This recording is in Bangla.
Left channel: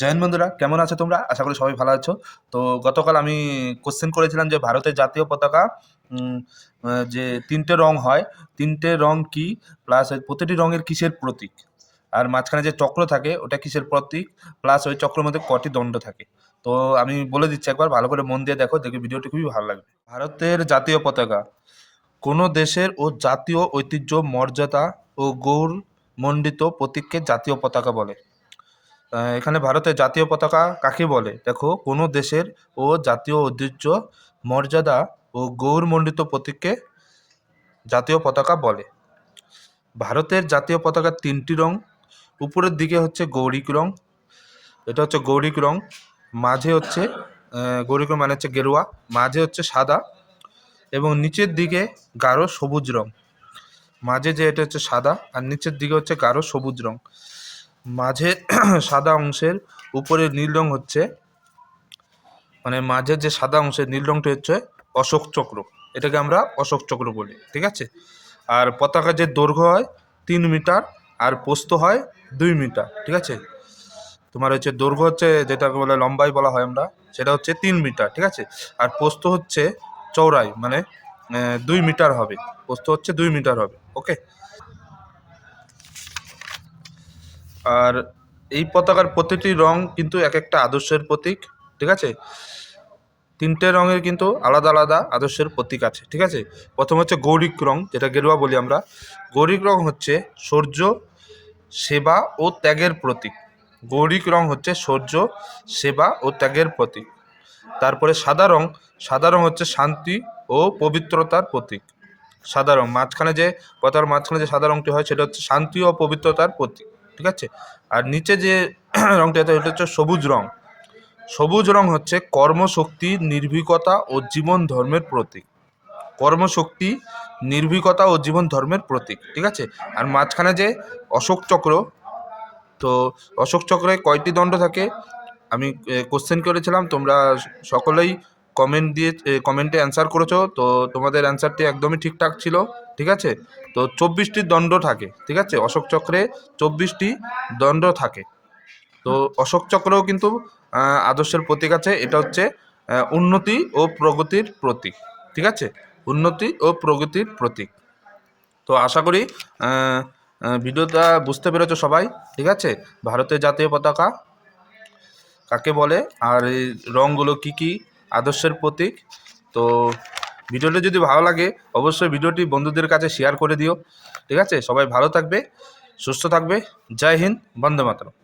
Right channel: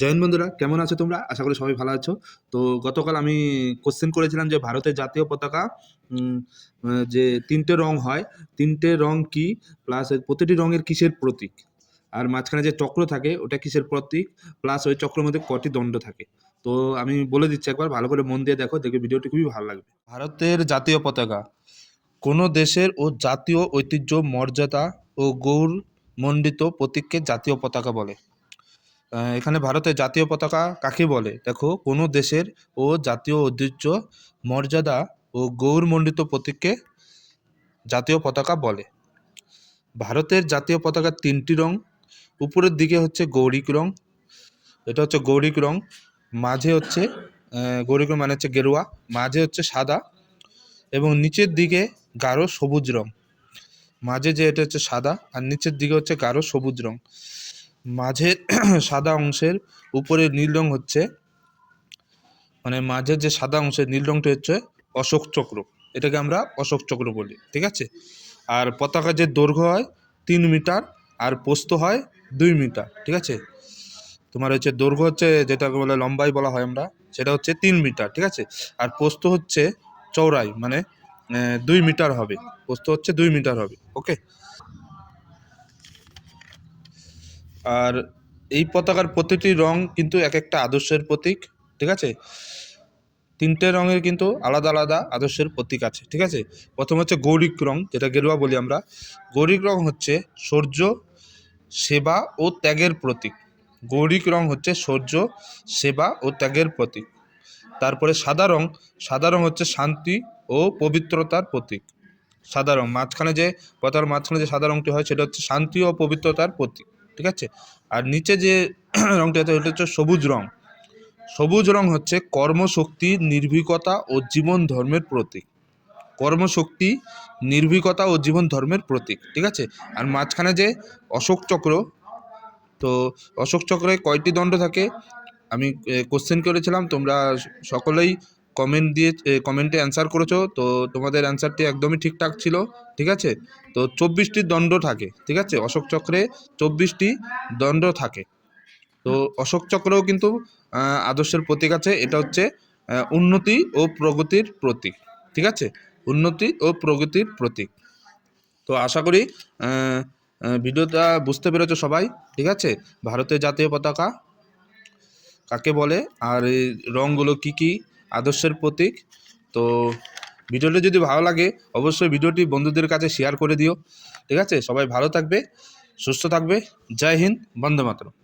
জয় হিন্দ বন্ধুরা, কেমন আছো তোমরা? আশা করি সবাই ভালো আছো। তো গতকাল আমি কোশ্চেন করেছিলাম যে ভারতের জাতীয় পতাকা যে তিনটে রং হয়, তিনটে রং কি প্লাস প্রতিটি রঙের কিসের প্রতীক? আর মাঝখানে যে চক্র থাকে, ওটা কিসের প্রতীক? প্লাস ওই চক্রের মধ্যে কটি দণ্ড থাকে? তো আমি বলে দিচ্ছি একবার, ভালো করে মন দিয়ে দেখো, দেখে ভিডিওটি খুবই ভালো লাগবে। ভারতের জাতীয় পতাকা, কোনো দেশের ও জাতীয় ঐতিহ্য, মর্যাদা ও গৌরমণ্ডিত প্রতীককে জাতীয় পতাকা বলে। এখানে ভারতের জাতীয় পতাকা কাকে বলে? দেখো, কোনো দেশের ও জাতীয় ঐতিহ্য মর্যাদা ও গৌরমণ্ডিত প্রতীককে জাতীয় পতাকা বলে। ভারতের জাতীয় পতাকার তিনটি রং, উপরের দিকে হচ্ছে গৌরিক রং, এটা হচ্ছে গৌরিক রং, মাঝে হচ্ছে গৌরিক রং মানে হচ্ছে গেরুয়া, মাঝে হচ্ছে সাদা, এবং নিচের দিকে গাঢ় সবুজ রং। মাঝে যে এটা হচ্ছে সাদা, আর নিচের দিকে হচ্ছে গাঢ় সবুজ রং। মাঝে সাদা অংশের উপরে নীল রং হচ্ছে। মানে মাঝের যে সাদা অংশের নীল রংটা হচ্ছে অশোক চক্র। এটাকে আমরা অশোক চক্র বলি, ঠিক আছে? আর পতাকা যে দৈর্ঘ্য হয় তিন মিটার আর পোস্ত হয় দুই মিটার, ঠিক আছে? তোমার হচ্ছে দৈর্ঘ্য হচ্ছে যেটাকে বলে লম্বাই বলা হয় আমরা, সেটা হচ্ছে তিন মিটার, ঠিক আছে? আর পোস্ত হচ্ছে চৌড়াই মানে দুই মিটার হবে। পোস্ত হচ্ছে দুই মিটার হবে, ওকে? আর এই পতাকার প্রতিটি রং কিন্তু এক একটা আদর্শের প্রতীক, ঠিক আছে? তিনটে রঙের কিন্তু আলাদা আলাদা আদর্শের প্রতীক আছে, ঠিক আছে? প্রথম হচ্ছে গৌরিক রং, যেটা গেরুয়া বলি আমরা। গৌরিক রং হচ্ছে সূর্য, সেবা ও ত্যাগের প্রতীক। গৌরিক রং হচ্ছে সূর্য, সেবা ও ত্যাগের প্রতীক। তারপরে সাদা রং সাদা রং হচ্ছে শান্তি ও পবিত্রতার প্রতীক। সাদা রং, মাঝখানে যে পতাকার মাঝখানে যে সাদা রংটি হয়, সেটা হচ্ছে শান্তি ও পবিত্রতার প্রতীক। ঠিক আছে? আর নিচে যে রংটি আছে ওটা হচ্ছে সবুজ রং। সবুজ রং হচ্ছে কর্মশক্তি, নির্ভীকতা ও জীবন ধর্মের প্রতীক। কর্মশক্তি, নির্ভীকতা ও জীবন ধর্মের প্রতীক, ঠিক আছে? আর মাঝখানে যে অশোক চক্র, তো অশোক চক্রে কয়টি দণ্ড থাকে? আমি কোশ্চেন করেছিলাম, তোমরা সকলেই কমেন্ট দিয়ে কমেন্টে অ্যান্সার করেছ, তো তোমাদের অ্যান্সারটি একদমই ঠিকঠাক ছিল। ঠিক আছে? তো চব্বিশটি দণ্ড থাকে, ঠিক আছে? অশোক চক্রে চব্বিশটি দণ্ড থাকে। তো অশোক চক্রও কিন্তু আদর্শের প্রতীক আছে। এটা হচ্ছে উন্নতি ও প্রগতির প্রতীক, ঠিক আছে? উন্নতি ও প্রগতির প্রতীক। তো আশা করি ভিডিওটা বুঝতে পেরেছ সবাই, ঠিক আছে? ভারতের জাতীয় পতাকা কাকে বলে? আর এই রঙগুলো কি কি? আদর্শের প্রতীক। তো ভিডিওটি যদি ভালো লাগে, অবশ্যই ভিডিওটি বন্ধুদের কাছে শেয়ার করে দিও। ঠিক আছে? সবাই ভালো থাকবে, সুস্থ থাকবে। জয় হিন্দ, বন্দে মাতরম।